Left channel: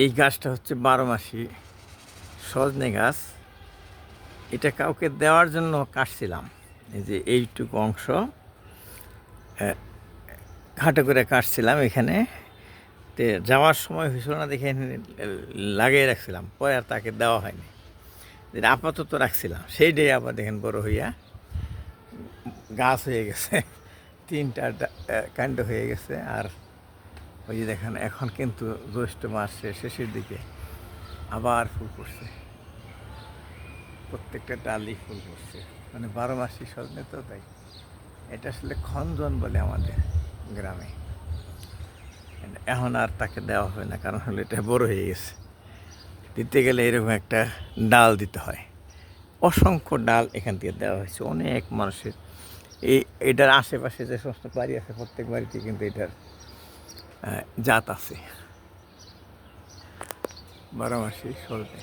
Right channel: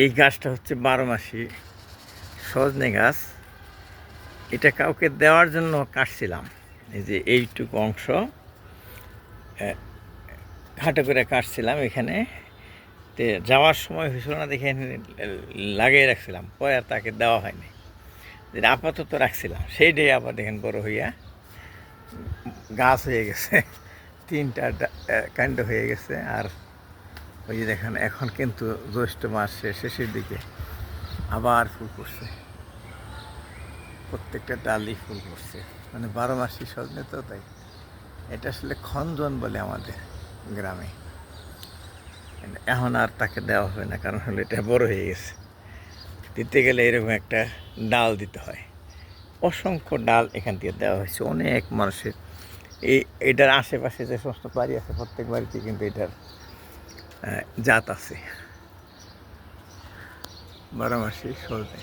এই গাছটা হচ্ছে 12 মাসি সজনে গাছ। এটা কাউকে দেওয়ার জন্য কাটছিলাম। এই যে এইটুকু অংশ খাটো করে কাটছিলাম এখানে। তো যাওয়ার সময় হয়েছিল না দেখে লাগিয়ে রাখছিলাম, পরে আর তাকে দেওয়া হয়নি। যেটা আপাতত রাখছিলাম সেইটাই আবার দেখেন বড় হইয়া গাছ হয়ে গেছে, 3টা কাণ্ড হয়ে গেছে। আর ওই যে দেখেন এখন কিন্তু জ্যৈষ্ঠ মাস শেষের দিকে আবার ফুল করছে, প্রত্যেকটা ডালই ফুল করছে। মানে 12 মাসি সজনে তো, তাই এটা আসলে খঞ্জন বলে আমাদের গ্রামে। এখন আর তাকে দেওয়া হবে না, কারণ হলো এটা বড় হয়ে গেছে। দিতে গেলে এরকম একটা ডাল দিতে হয়। অসংখ্য ডাল এখান থেকে দেওয়া হয়েছে অনেক মানুষের। এটার আশেপাশে যে সমস্ত বাড়ি আছে প্রত্যেক বাড়িতে কিন্তু এটার জাত আছে 12 মাসি সজনে।